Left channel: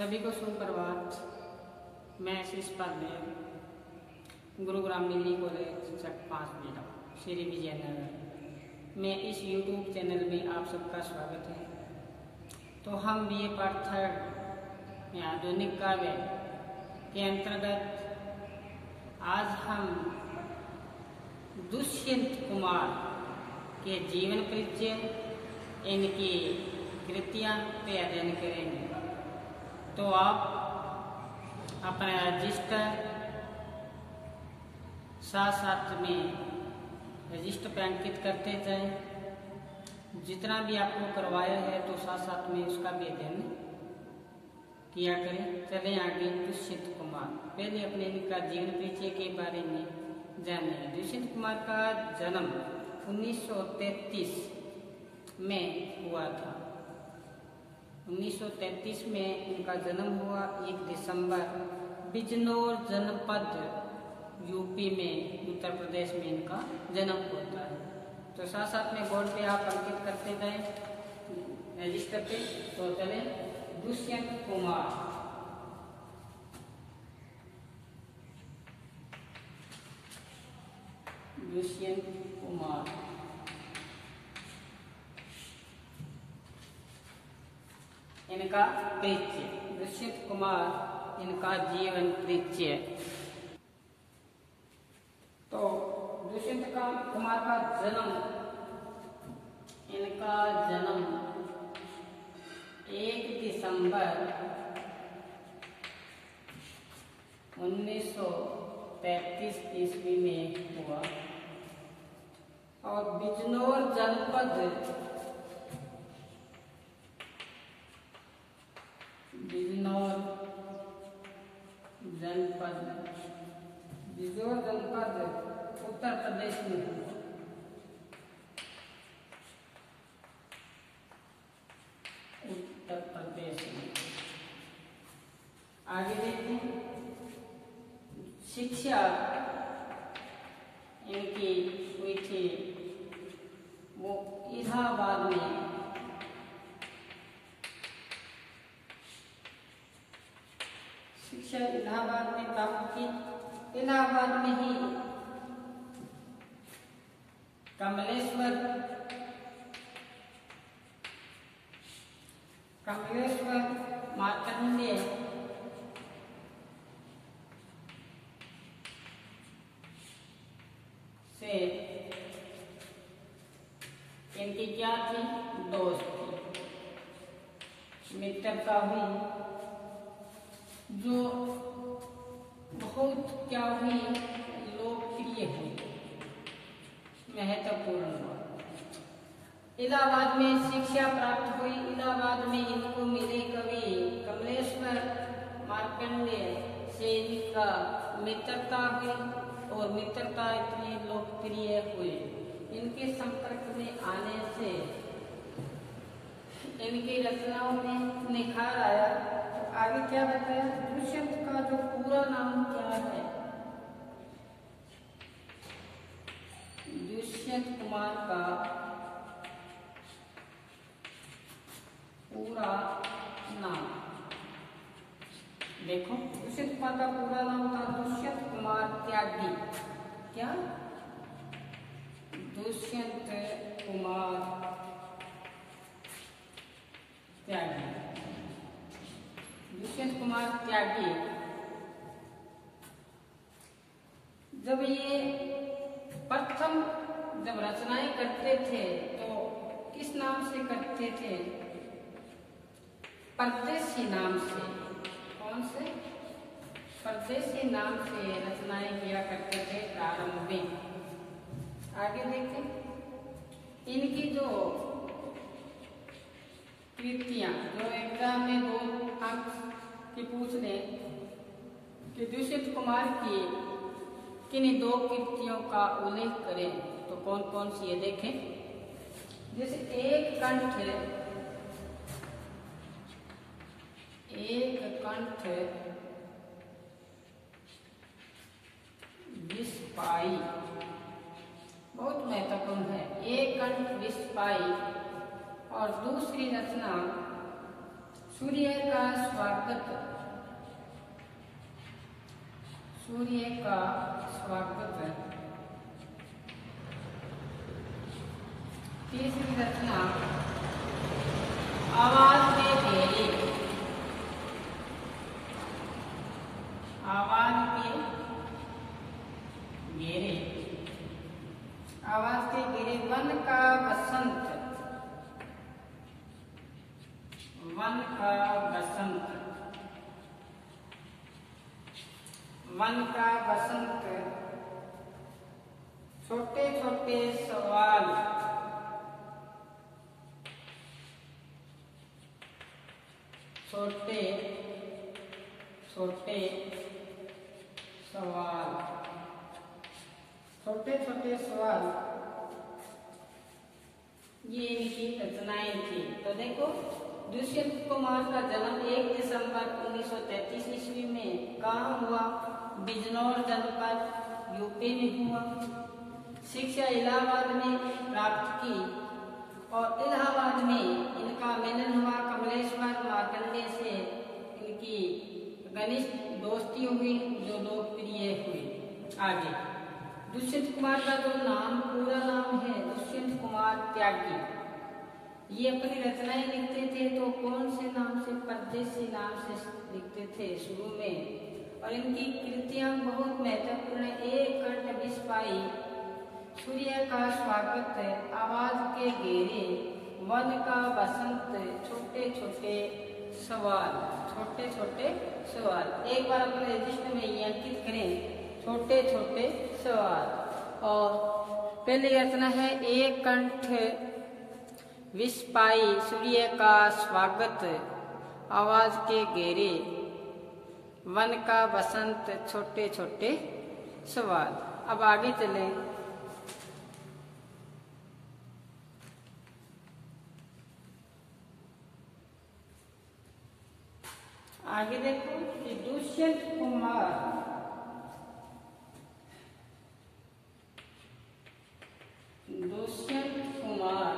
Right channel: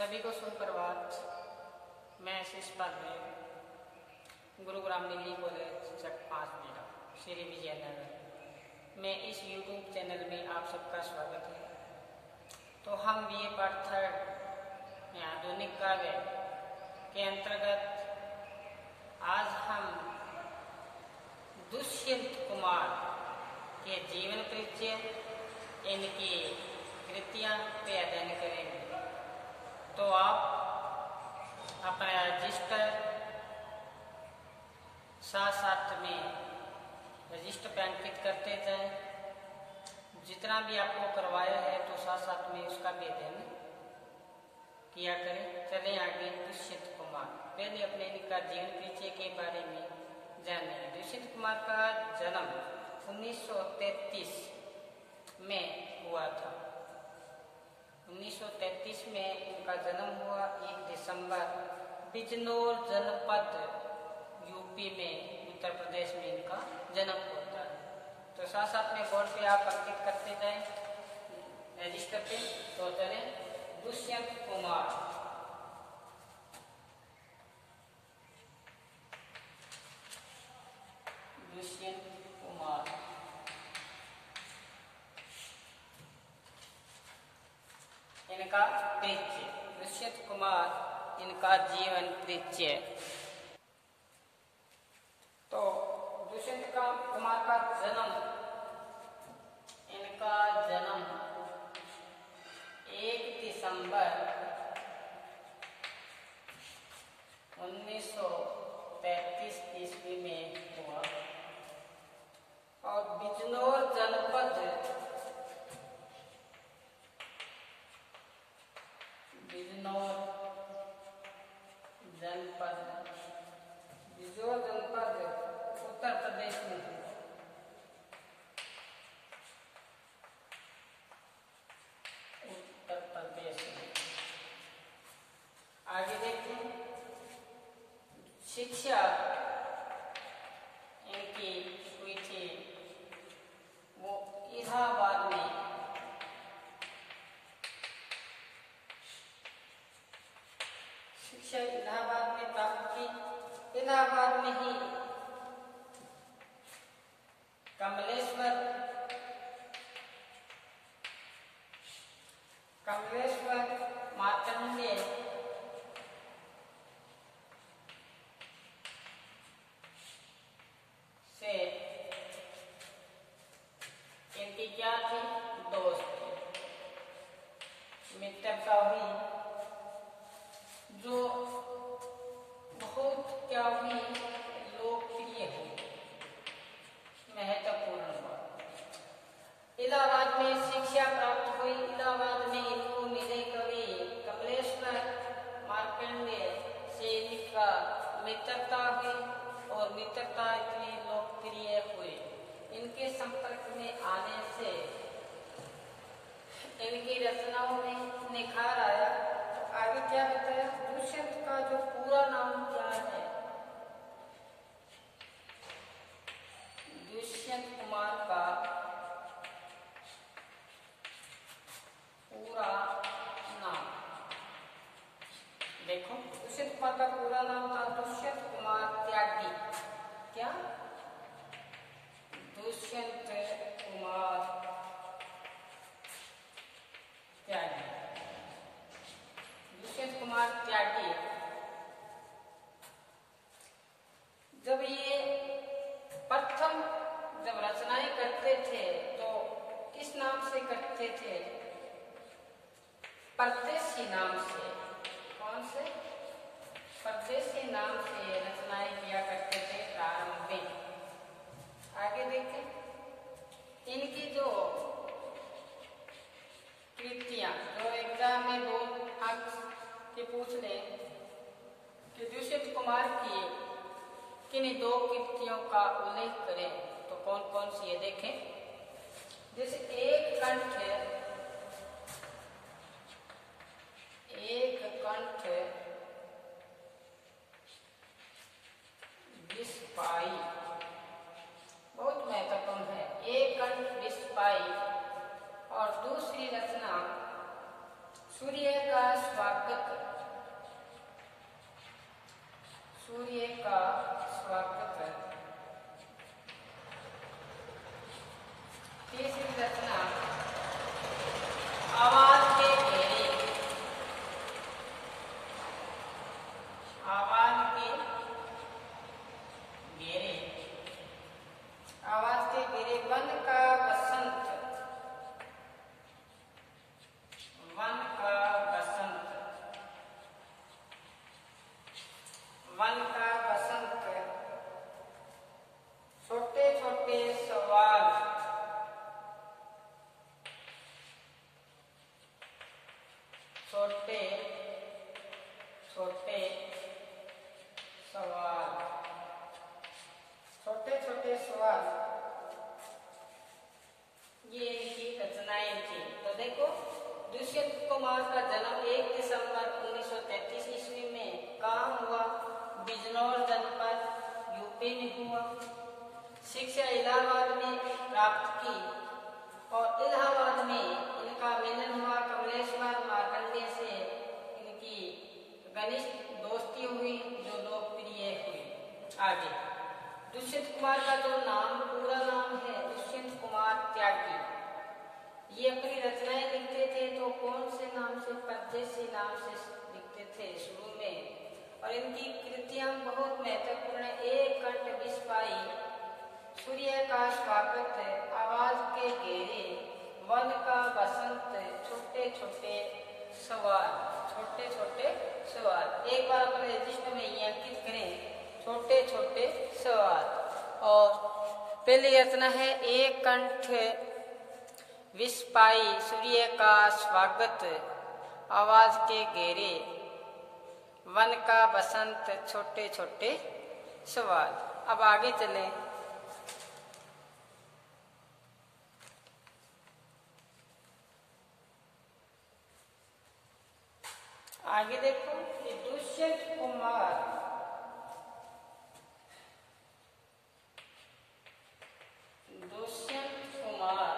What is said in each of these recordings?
सभी को सुप्रभात। मैं शिषपाल में गुरुग्राम निजी कॉलेज चक 5 मीटर श्री विजयनगर में इस YouTube चैनल में आप सबका स्वागत है। तो हम BA पार्ट 3 में आधुनिक काव्य के अंतर्गत आज हम दुष्यंत कुमार के जीवन परिचय, इनकी कृतियां पे अध्ययन करेंगे। तो आप अपना रजिस्टर साथ में रजिस्टर पे अंकित करते जाएं। जितना भी आपको करवाया है तो साथ में उसका भी अध्ययन किया करें। चलें आगे। दुष्यंत कुमार, पहले अपने इनका जीवन परिचय के बारे में जाने। दुष्यंत कुमार का जन्म 1933 में हुआ था। 1933 में इनका जन्म हुआ। 1 दिसंबर बिजनौर जनपद यूपी में, उत्तर प्रदेश में इनका जन्म होता है। तो साथ में बोर्ड पे आप अंकित करते जाएं रजिस्टर पे। तो चले दुष्यंत कुमार। दुष्यंत कुमार इनका परिचय। दुष्यंत कुमार इनका जीवन परिचय। तो दुष्यंत कुमार का जन्म, इनका जन्म 1 दिसंबर 1933 ईस्वी में हुआ और बिजनौर जनपद उत्तर प्रदेश में हुआ। उत्तर प्रदेश में। आगे देखिए, शिक्षा इनकी हुई थी वो इलाहाबाद में। शिक्षा इलाहाबाद में प्राप्त की। इलाहाबाद में ही कमलेश्वर मार्कंडेय से इनकी क्या थी, दोस्ती, मित्रता हुई, जो बहुत क्या हुई, लोकप्रिय हुई, महत्वपूर्ण हुआ। इलाहाबाद में शिक्षा प्राप्त हुई। इलाहाबाद में इनको मिले कवि कमलेश्वर मार्कंडेय से इनका मित्रता हुई और मित्रता इतनी लोकप्रिय हुई। इनके संपर्क में आने से इनकी रचनाओं में निखार आया। तो आगे क्या बताया, दुष्यंत का जो पूरा नाम क्या है, दुष्यंत कुमार का पूरा नाम देखो। दुष्यंत कुमार का पूरा नाम था दुष्यंत कुमार त्यागी। क्या? दुष्यंत कुमार त्यागी। दुष्यंत कुमार त्यागी जब ये प्रथम जब रचनाएं करते थे तो किस नाम से करते थे? परदेसी नाम से। कौन से? परदेसी नाम से रचनाएं किया करते थे प्रारंभ में। आगे देखें, इनकी जो कृतियां जो एग्जाम में 2 अंक की पूछ ले कि दुष्यंत कुमार की किन 2 कृतियों का उल्लेख करें, तो कौन कौन सी है देखें। जैसे एक कंठ विस्पाई, बहुत महत्वपूर्ण है। एक कंठ विस्पाई और दूसरी रचना सूर्य का स्वागत, सूर्य का स्वागत। तीसरी रचना आवाज के घेरे, आवाज के घेरे, आवाज के घेरे। वन का बसंत, वन का बसंत, वन का बसंत। छोटे छोटे सवाल, छोटे छोटे सवाल, छोटे छोटे सवाल, ये इनकी रचनाएं थी। तो देखो, दुष्यंत कुमार का जन्म 1 दिसंबर 1933 ईस्वी में कहाँ हुआ? बिजनौर जनपद यूपी में हुआ। शिक्षा इलाहाबाद में प्राप्त की और इलाहाबाद में इनका मिलन हुआ कमलेश्वर मार्कंडेय से। इनकी घनिष्ठ दोस्ती हुई जो लोकप्रिय हुई। आगे दुष्यंत कुमार का जो नाम, पूरा नाम है दुष्यंत कुमार त्यागी। ये अपनी रचनाएं लिखते थे तो कौन से नाम से? परदेसी नाम से लिखते थे शुरू में। और इनकी कृतियां बहुत महत्वपूर्ण। एक कंठ विस्पाई, सूर्य का स्वागत, आवाज के घेरे, वन का बसंत, छोटे छोटे सवाल, छोटे छोटे सवाल। एक बार अपने रजिस्टर में ये अंकित करें, छोटे छोटे सवाल। और पहली रचना है एक कंठ विस्पाई, सूर्य का स्वागत, आवाज के घेरे, वन का बसंत, छोटे छोटे सवाल। अब आगे चलें। आगे देखो, दुष्यंत कुमार, दुष्यंत कुमार,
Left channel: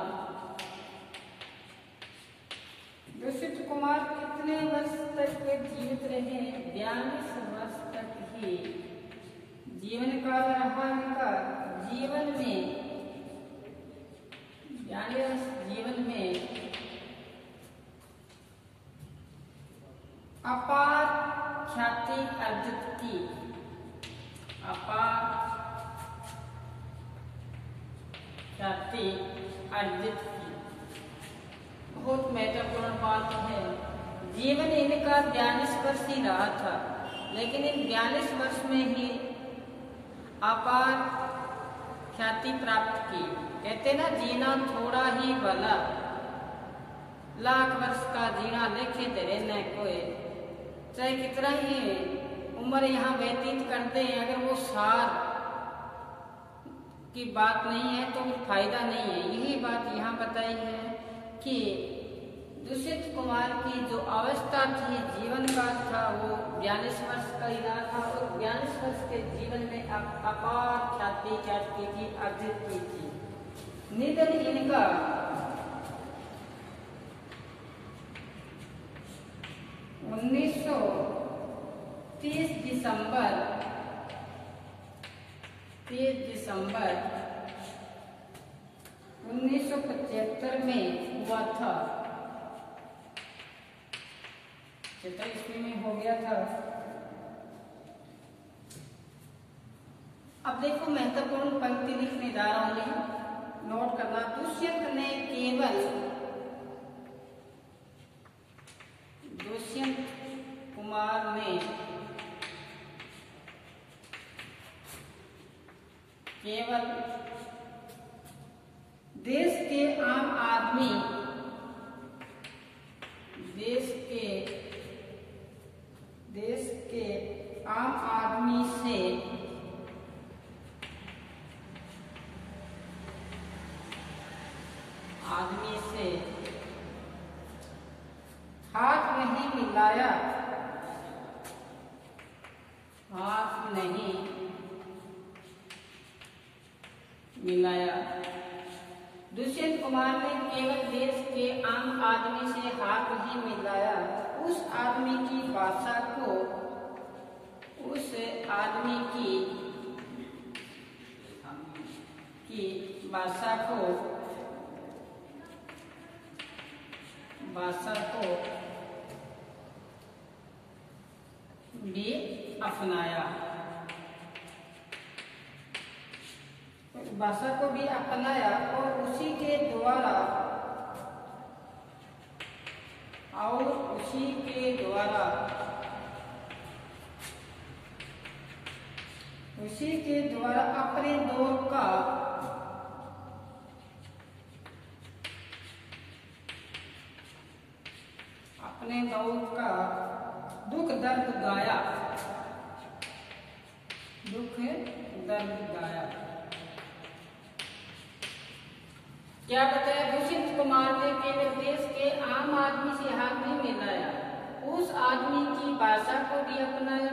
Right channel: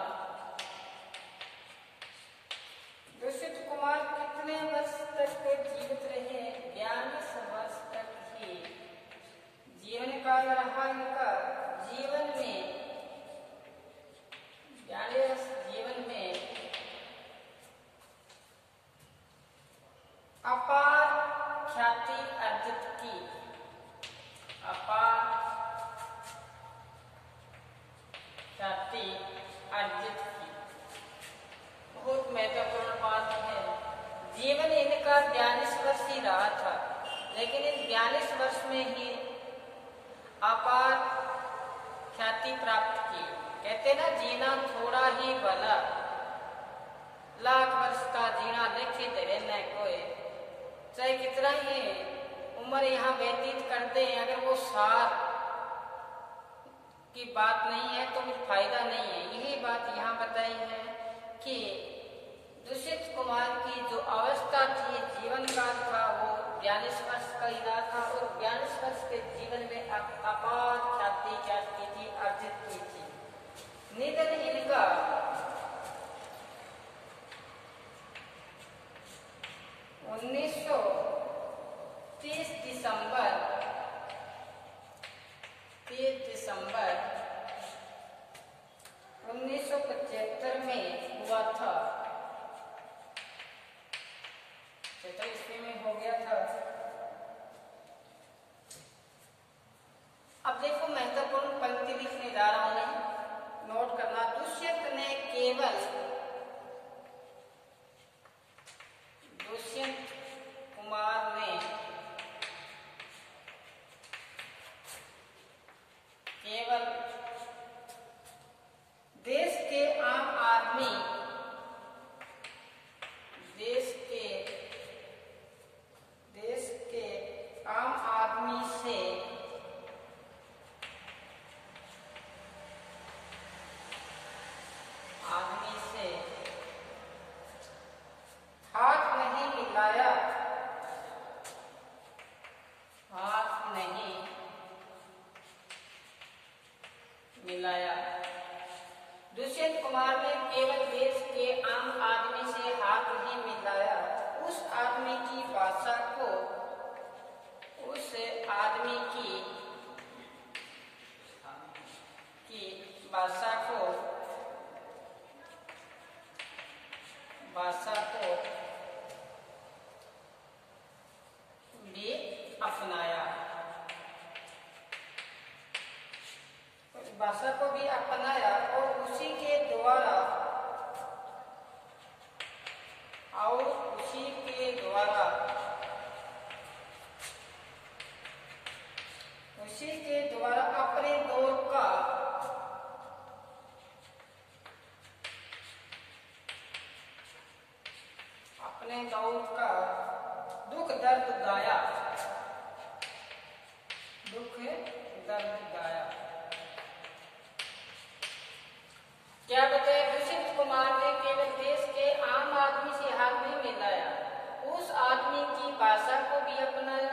दुष्यंत कुमार कितने वर्ष तक जीवित रहे? 42 वर्ष तक ही जीवन काल रहा इनका। जीवन में 42 जीवन में अपार ख्याति अर्जित की, अपार ख्याति अर्जित की। बहुत महत्वपूर्ण बात है। जीवन इनका 42 वर्ष ही रहा था, लेकिन इन 42 वर्ष में ही अपार ख्याति प्राप्त की। कहते ना, जीना थोड़ा ही भला, लाख वर्ष का जीना लेखे तेरे न कोई। चाहे कितना ही उम्र यहाँ व्यतीत करते हैं, अगर वो सार की बात नहीं है तो फिर फायदा नहीं है। यही बात यहाँ बताई है कि दुष्यंत कुमार की जो अवस्था थी, जीवन काल था, वो 42 वर्ष का ही रहा था। और 42 वर्ष के जीवन में अपार ख्याति क्या की थी? अर्जित की थी। निधन इनका 30 दिसंबर 1975 में हुआ था। 75 ईस्वी में हो गया था। अब देखो, महत्वपूर्ण पंक्ति लिखने जा रहा हूं मैं, नोट करना। दुष्यंत ने केवल, दुष्यंत कुमार ने केवल देश के आम आदमी, देश के आम आदमी से हाथ नहीं मिलाया, हाथ नहीं मिलाया। दुष्यंत कुमार ने केवल देश के आम आदमी से हाथ नहीं मिलाया, उस आदमी की भाषा को, उस आदमी की भाषा को भी अपनाया, भाषा को भी अपनाया और उसी के द्वारा अपने दौर का दुख दर्द गाया, क्या बताया? दुष्यंत कुमार ने केवल देश के आम आदमी से हाथ नहीं मिलाया, उस आदमी की भाषा को भी अपनाया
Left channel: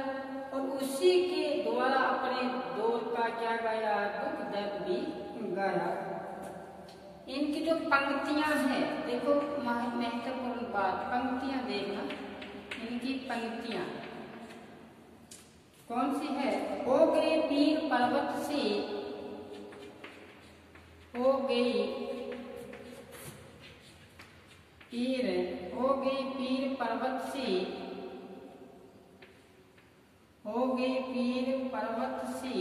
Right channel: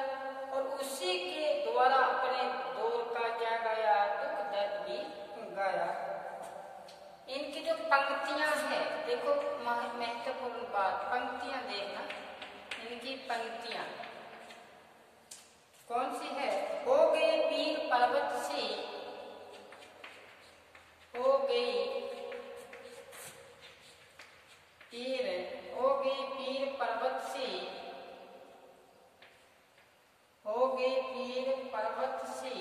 और उसी के द्वारा अपने दौर का क्या गाया? दुख दर्द भी गाया। इनकी जो पंक्तियां हैं, देखो महत्वपूर्ण बात, पंक्तियां देखना, इनकी पंक्तियां कौन सी है? हो गई पीर पर्वत से, हो गई पीर पर्वत से, हो गई पीर पर्वत से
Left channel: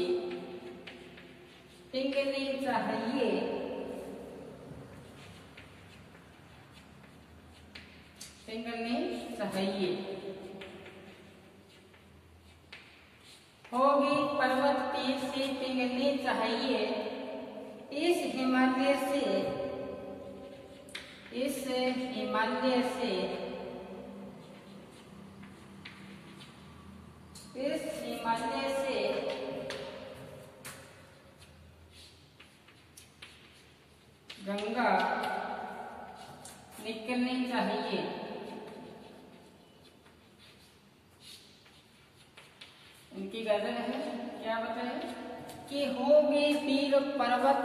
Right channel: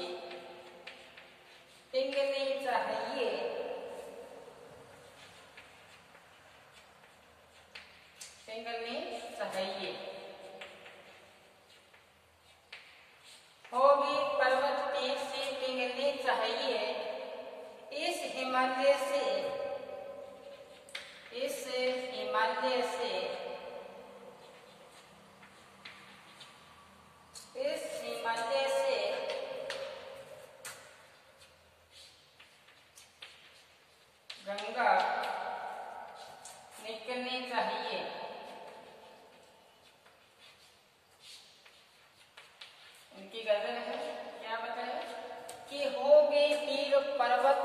पिघलनी चाहिए, होगी पर्वत पीर से पिघलनी चाहिए, इस हिमालय से गंगा निकलनी चाहिए। इनकी गजल है, क्या बताए कि हो गई पीर पर्वत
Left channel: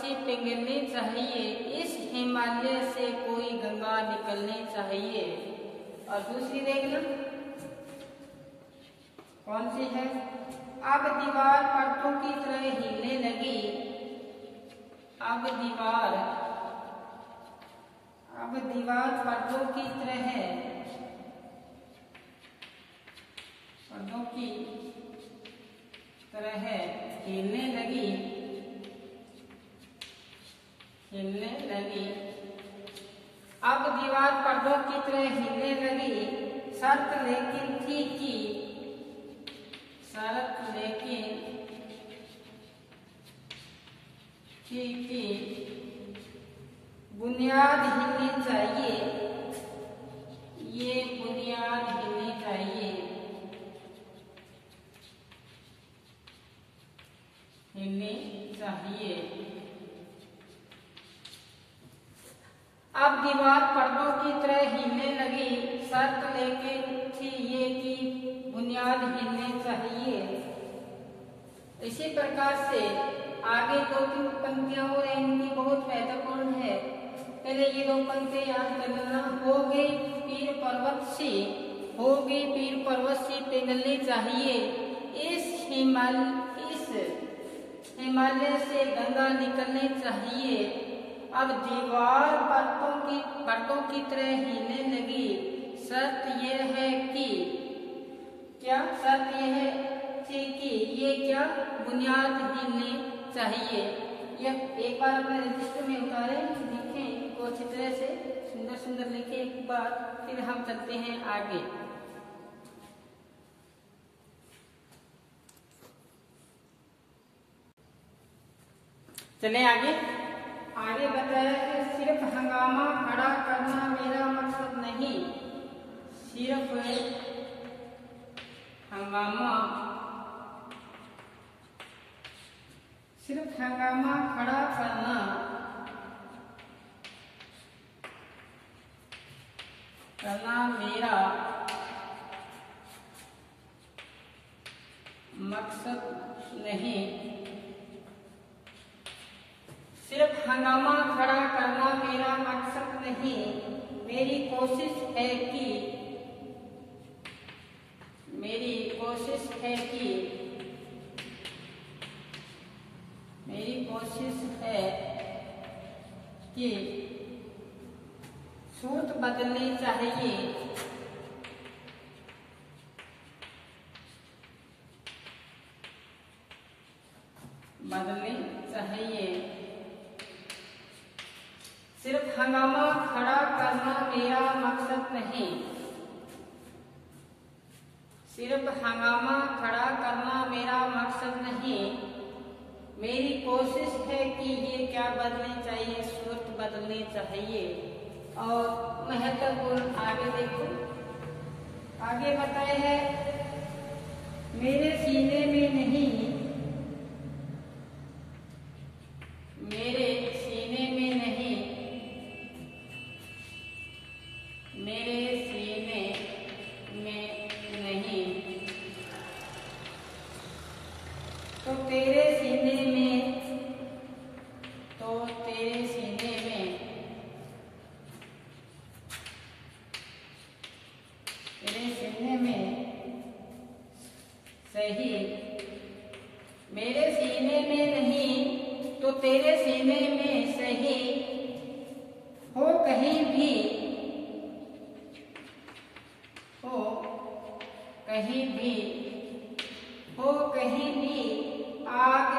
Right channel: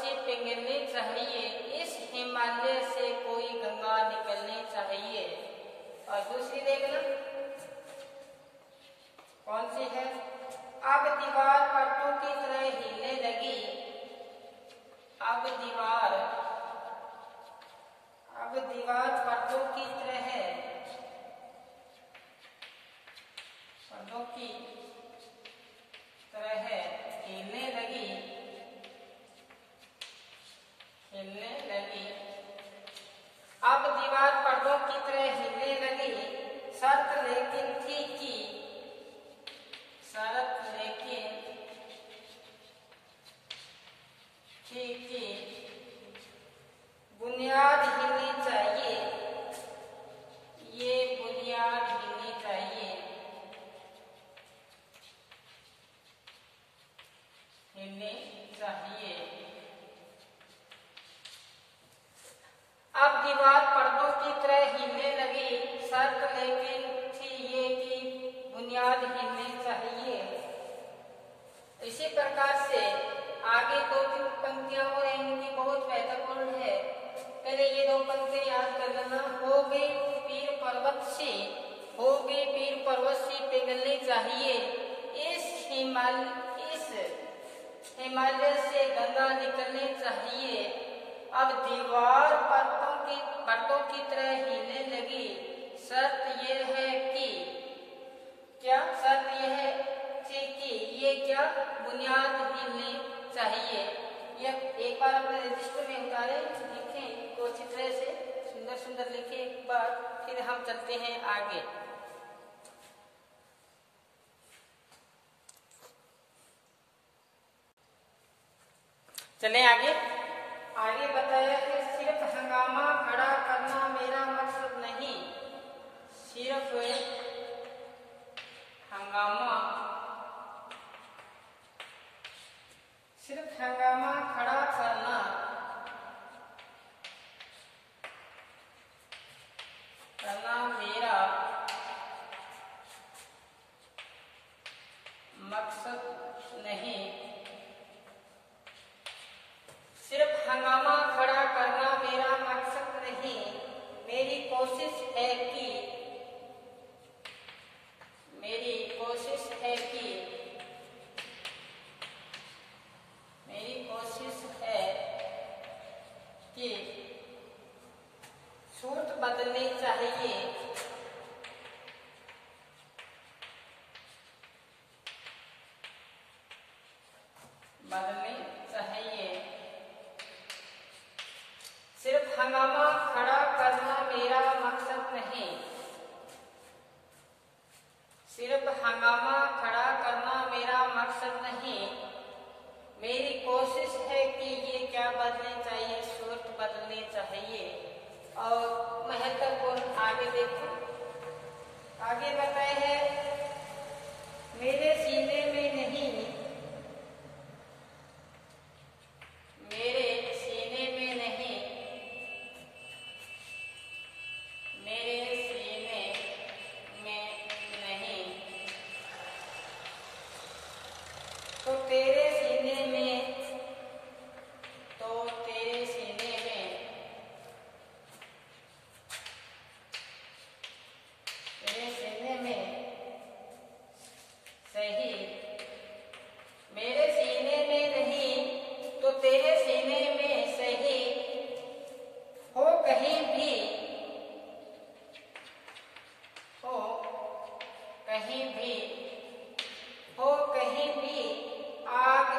से पिघलनी चाहिए, इस हिमालय से कोई गंगा निकलनी चाहिए। और दूसरी देखना कौन सी है? अब दीवार पर्दों की तरह हिलने लगी, अब दीवार पर्दों की तरह हिलने लगी, अब दीवार पर्दों की तरह हिलने लगी, शर्त लेकिन बुनियाद हिलनी चाहिए, ये बुनियाद हिलनी चाहिए, अब दीवार पर्दों की तरह हिलने लगी, शर्त लेकिन थी ये कि बुनियाद हिलनी चाहिए। इसी प्रकार से आगे 2-3 पंक्तियां और इनकी बहुत महत्वपूर्ण है। पहले ये 2 पंक्तियां याद कर लेना। हो गई पीर पर्वत से पिघलनी चाहिए, इस हिमालय से गंगा निकलनी चाहिए, अब दीवार पर्दों की तरह हिलने लगी, शर्त यह है कि ये क्या बुनियाद हिलनी चाहिए। यह एक बार अपने रजिस्टर में उतारे, लिखें इनको अच्छी तरह से, सुंदर लिखें एक बार, फिर हम चलते हैं आगे। चलें आगे बताया कि सिर्फ हंगामा खड़ा करना मेरा मकसद नहीं, सिर्फ हंगामा खड़ा करना मेरा मकसद नहीं, हंगामा खड़ा करना मेरा मकसद नहीं, मेरी कोशिश है कि सूरत बदलनी चाहिए, सिर्फ हंगामा खड़ा करना मेरा मकसद नहीं, सिर्फ हंगामा खड़ा करना मेरा मकसद नहीं, मेरी कोशिश है कि ये क्या बदलनी चाहिए, सूरत बदलनी चाहिए। और महत्वपूर्ण आगे देखो, आगे बताए है मेरे सीने में नहीं, मेरे सीने में नहीं, मेरे सीने में नहीं, तो तेरे सीने में, तो तेरे सीने में, तेरे सीने में सही, मेरे सीने में नहीं तो तेरे सीने में सही, हो कहीं भी, हो कहीं भी, हो कहीं भी आग,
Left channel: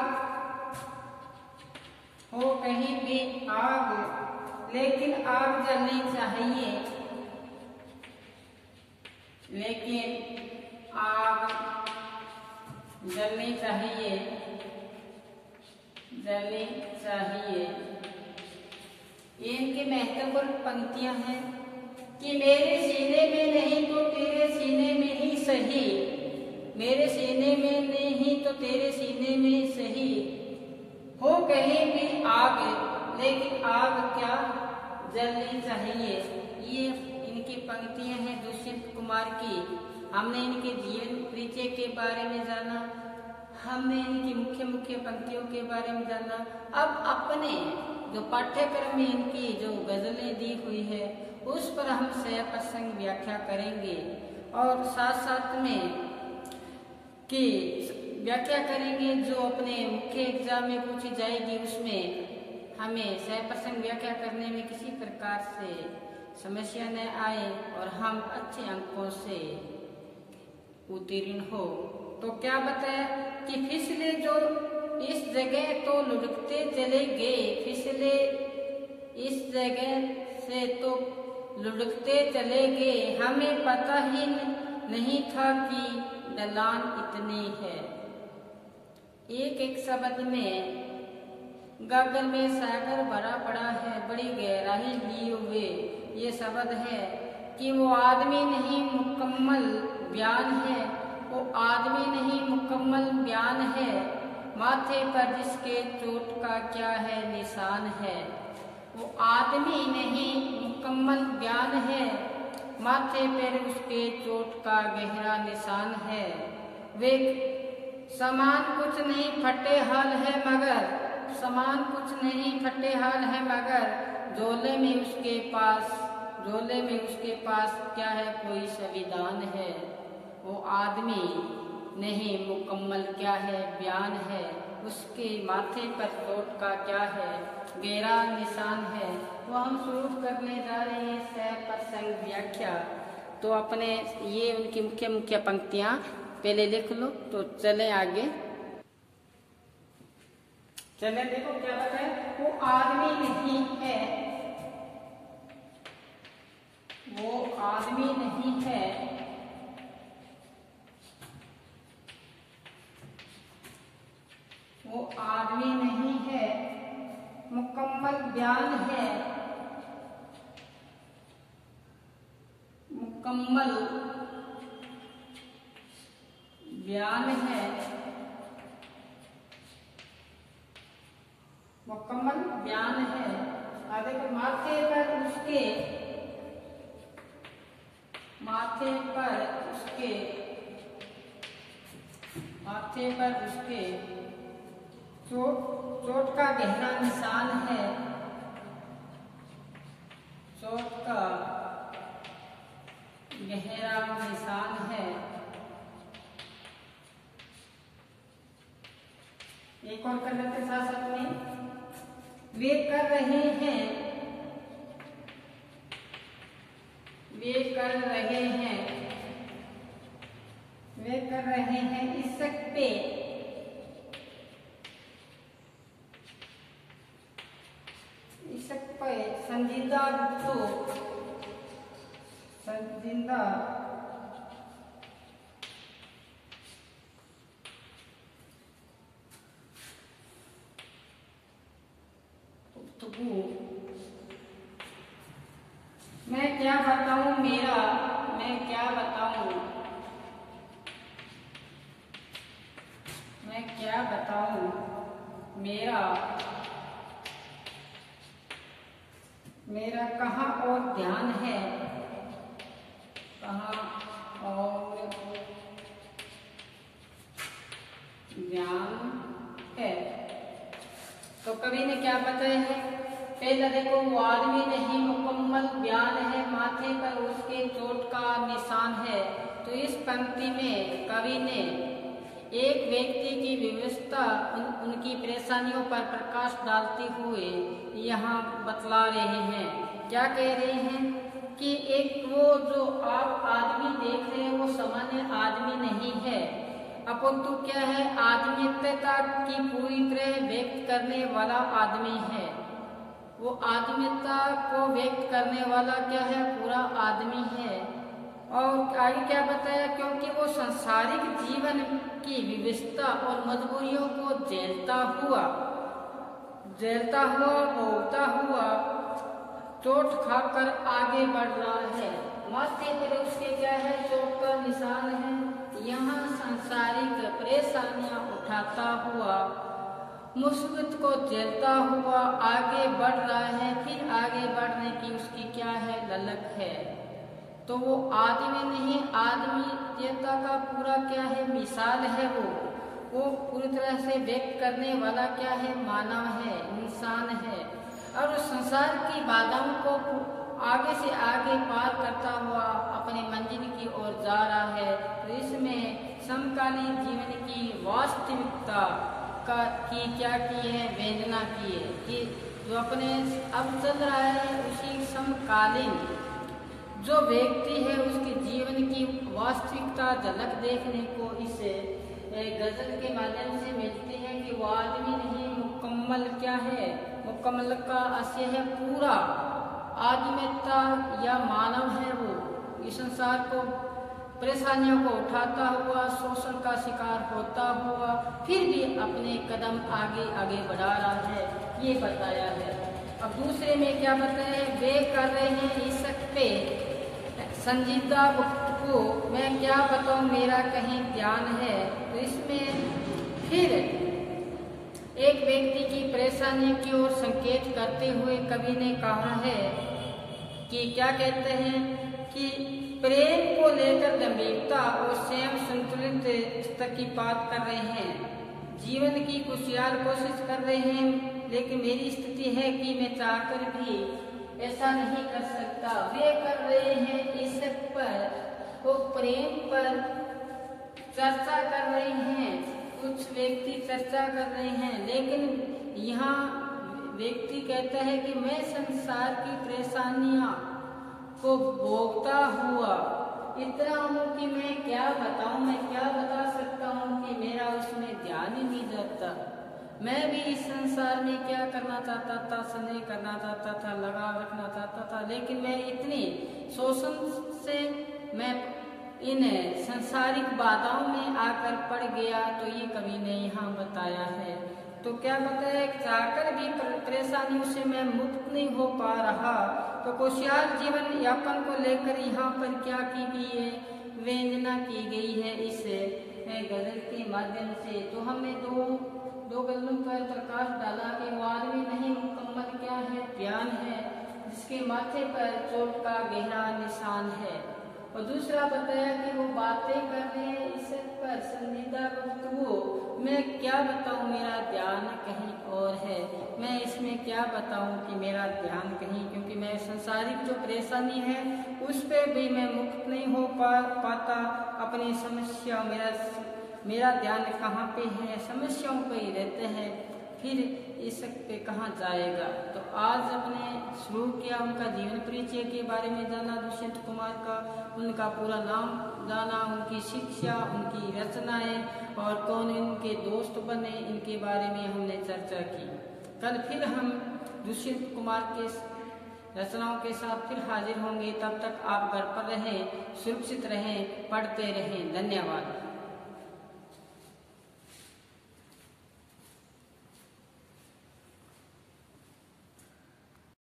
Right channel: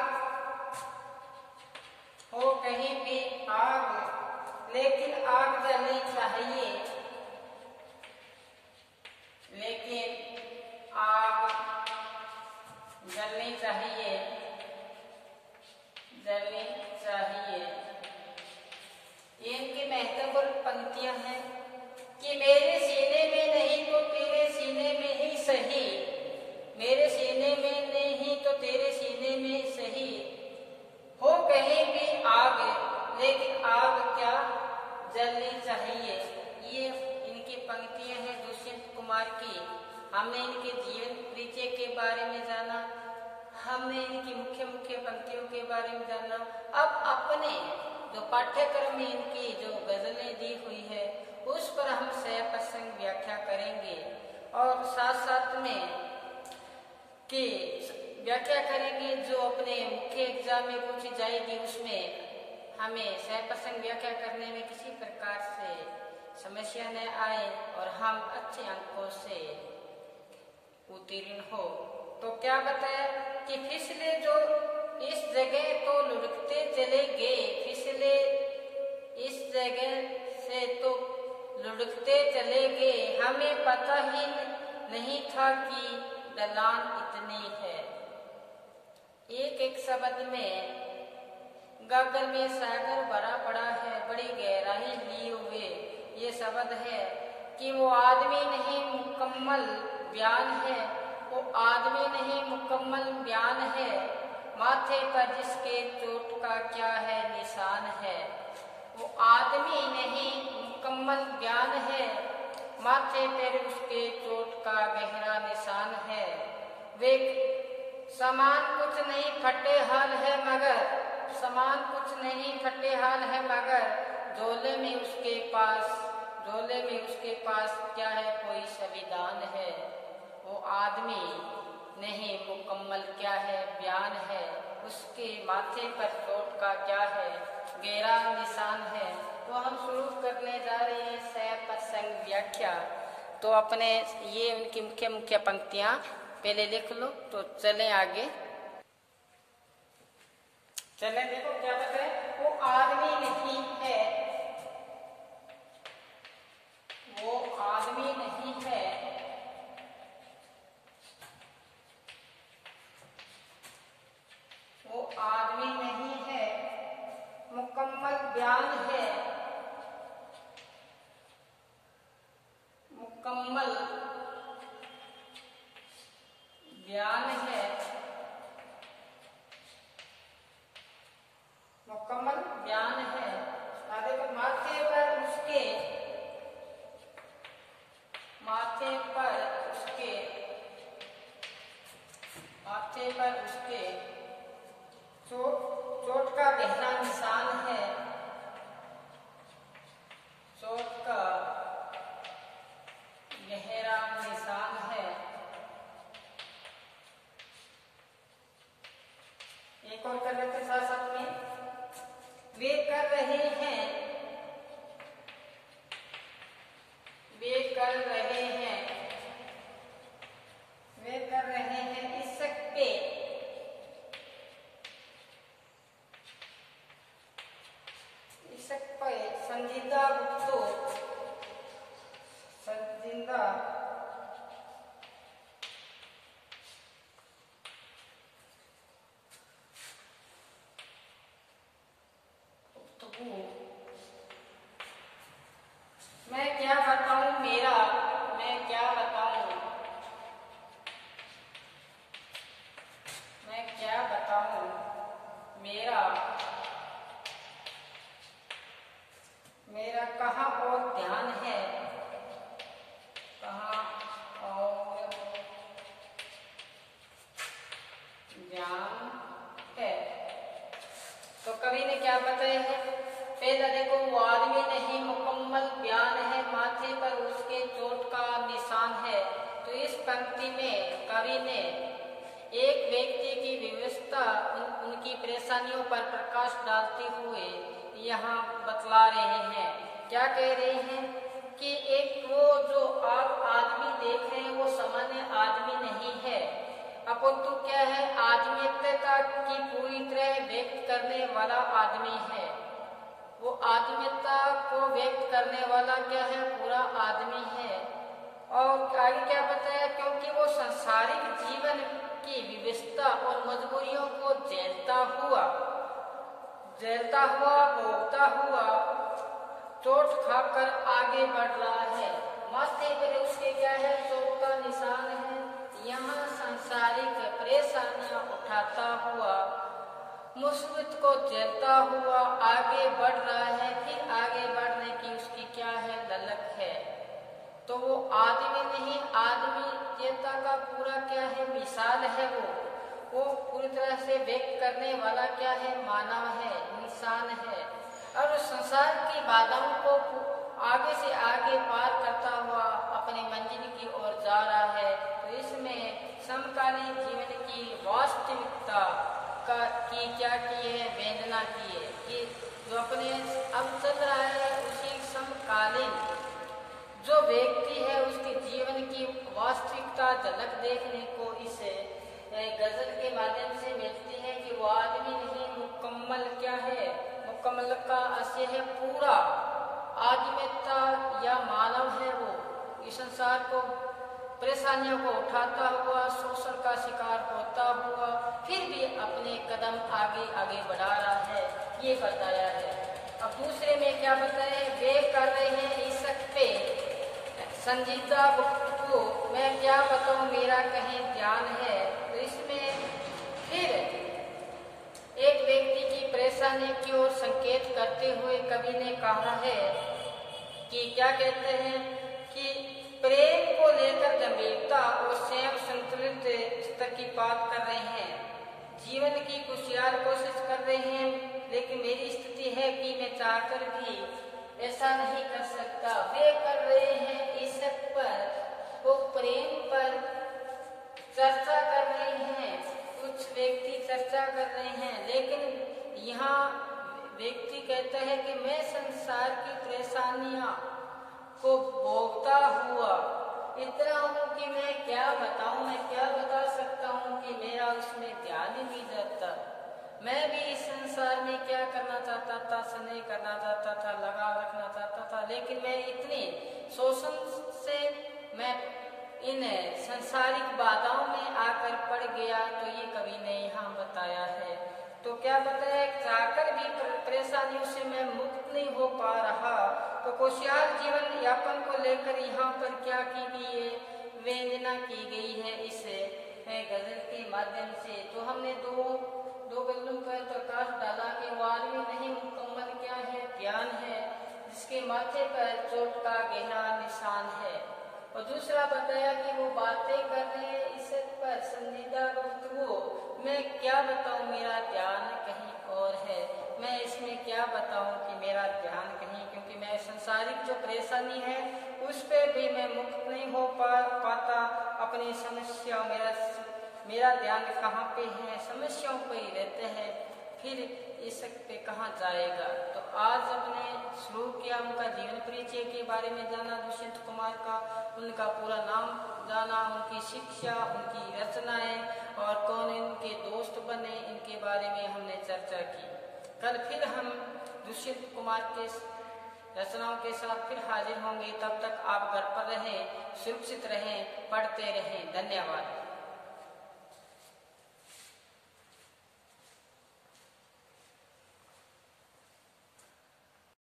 हो कहीं भी आग, लेकिन आग जलनी चाहिए, लेकिन आग जलनी चाहिए, जलनी चाहिए। इनकी महत्वपूर्ण पंक्तियां हैं कि मेरे सीने में नहीं तो तेरे सीने में ही सही, मेरे सीने में नहीं तो तेरे सीने में सही, हो कहीं भी आग, लेकिन आग क्या जलनी चाहिए। ये इनकी पंक्तियां हैं दुष्यंत कुमार की। हमने इनके जीवन परिचय के बारे में जाना, हमने इनकी मुख्य मुख्य पंक्तियों के बारे में जाना। अब अपने जो पाठ्यक्रम में इनकी जो गजलें दी हुई है उस पर हम सह प्रसंग व्याख्या करेंगे और साथ साथ में की व्याख्या करेंगे जो अपने मुख्य एग्जाम में पूछी जाएगी। उसमें हमें सह प्रसंग व्याख्या करने में किसी प्रकार से समस्या न आए और हम अच्छे अंकों से उत्तीर्ण हो। तो क्या बताया कि फिसले जो इस जगह तो लुढ़कते चले गए, फिसले इस जगह से तो लुढ़कते चले गए, हमें पता ही नहीं था कि ढलान इतनी है। एक एक शब्द में गागर में सागर भरा पड़ा है, बड़ी गहराई लिए हुए ये शब्द है कि वो आदमी नहीं मुकम्मल बयान है, वो आदमी नहीं मुकम्मल बयान है, माथे पर जिसके चोट का क्या है निशान है। वो आदमी नहीं मुकम्मल बयान है, माथे पर उसके चोट का गहरा निशान है। वे समान कुछ नहीं फटे हाल है मगर, समान कुछ नहीं फटे हाल है मगर, झोले में उसके पास, झोले में उसके पास क्या है कोई संविधान है। वो आदमी नहीं मुकम्मल क्या है बयान है, उसके माथे पर चोट का क्या है गहरा निशान है। तो हम शुरू करने जा रहे हैं सह प्रसंग व्याख्या। तो अपने ये उनकी मुख्य मुख्य पंक्तियां पहले लिख लो। तो चले आगे, चले देखो क्या बताए। वो आदमी नहीं है, वो आदमी नहीं है, वो आदमी नहीं है, मुकम्मल बयान है, मुकम्मल बयान है, मुकम्मल बयान है। आगे पर माथे पर उसके, माथे पर उसके, माथे पर उसके चोट का गहरा निशान है। और कर लेते साथ साथ में। वे कर रहे हैं, वे कर रहे हैं, वे कर रहे हैं इसक पे, इसक पे संजीदा गुप्तो, संजीदा मैं क्या बताऊं मेरा, मैं क्या बताऊं, मैं क्या बताऊं मेरा, मेरा कहाँ और ध्यान है, कहाँ और ध्यान है। तो कवि ने क्या बताया है, पहला देखो वो आदमी नहीं मुकम्मल बयान है, माथे पर उसके चोट का निशान है। तो इस पंक्ति में कवि ने एक व्यक्ति की व्यवस्था उनकी परेशानियों पर प्रकाश डालते हुए यहाँ बतला रहे हैं। क्या कह रहे हैं कि एक वो जो आप आदमी देख रहे हैं वो सामान्य आदमी नहीं है, अपितु क्या है, आदमीयता की पूरी तरह व्यक्त करने वाला आदमी है। वो आदमीयता को व्यक्त करने वाला क्या है, पूरा आदमी है। और आगे क्या बताया, क्योंकि वो सांसारिक जीवन की विविधता और मजबूरियों को झेलता हुआ भोगता हुआ चोट खाकर आगे बढ़ रहा है। माथे पर उसके क्या है, चोट का निशान है। यहाँ सांसारिक परेशानियां उठाता हुआ मुसीबत को झेलता हुआ आगे बढ़ रहा है। फिर आगे बढ़ने की उसकी क्या है, ललक है। तो वो आदमी नहीं, आदमीयता का पूरा क्या है, मिसाल है। वो पूरी तरह से व्यक्त करने वाला क्या है, मानव है, इंसान है। और संसार की बाधाओं को आगे से आगे पार करता हुआ अपने मंजिल की ओर जा रहा है। तो इसमें समकालीन जीवन की वास्तविकता की क्या की है, वेदना की है कि जो अपने अब चल रहा है उसी समकालीन जो व्यक्ति है उसके जीवन की वास्तविकता झलक देखने को इस गजल के माध्यम से मिलती है कि वो आदमी नहीं मुकम्मल क्या है, मुकम्मल का आशय है पूरा आदमीयता या मानव है। वो इस संसार को परेशानियों को उठाता हुआ शोषण का शिकार होता हुआ फिर भी अपने कदम आगे आगे बढ़ा रहा है, ये बताया है। अब दूसरे में क्या बताया, वे कर रहे हैं इसक पे संजीदा को मैं क्या बताऊं मेरा कहीं ध्यान है। तो इसमें फिर एक व्यक्ति की परेशानी की ओर संकेत करते हुए कवि ने कहा है कि क्या कहते हैं कि प्रेम को लेकर गंभीरता और स्वयं संतुलित स्तर की बात कर रहे हैं, जीवन की खुशहाल कोशिश कर रहे हैं, लेकिन मेरी स्थिति है कि मैं चाहकर भी ऐसा नहीं कर सकता। वे कर रहे हैं इसक पर, वो प्रेम पर चर्चा कर रहे हैं, कुछ व्यक्ति चर्चा कर रहे हैं, लेकिन यहाँ व्यक्ति कहता है कि मैं संसार की परेशानियां को भोगता हुआ इतना हूँ कि मैं क्या बताऊं, मैं क्या बता सकता हूँ कि मेरा उसमें ध्यान ही नहीं जाता। मैं भी इस संसार में क्या करना चाहता था, स्नेह करना चाहता था, लगाव रखना चाहता था, लेकिन मैं इतनी शोषण से मैं इन संसारिक बाधाओं में आकर पड़ गया। तो ये कवि ने यहाँ बताया है। तो क्या बताया, चाहकर भी परेशानियों से मैं मुक्त नहीं हो पा रहा। तो खुशहाल जीवन यापन को लेकर यहाँ पर क्या की गई है, वेदना की गई है इस गजल के माध्यम से। तो हमने दो गजलों पर प्रकाश डाला कि वो आदमी नहीं मुकम्मल क्या है, ध्यान है, जिसके माथे पर चोट का गहरा निशान है। और दूसरा बताया कि वो बातें कर रहे हैं इस पर संजीदा गुफ्तगू, मैं क्या बताऊं मेरा ध्यान कहीं और है। मैं इसमें क्या बताऊं कि मेरा ध्यान कहीं, क्योंकि मैं संसारिक जो परेशानी है उस पर भी मैं मुक्त नहीं हो पाता। अपनी समस्या, मेरा मेरा ध्यान कहाँ पे है, समस्याओं पे ही रहते हैं, फिर इस पे कहाँ जाएगा। तो आज हमने शुरू किया, उनका जीवन परिचय के बारे में जाना, दुष्यंत कुमार का, उनका पूरा नाम जाना, उनकी शिक्षा, उनकी रचनाएं और कौन इनके दोस्त बने, इनके बारे में हमने चर्चा की। कल फिर हम दुष्यंत कुमार के रचनाओं के साथ फिर हाजिर होंगे। तब तक आप घर पर रहें, सुरक्षित रहें, पढ़ते रहें। धन्यवाद।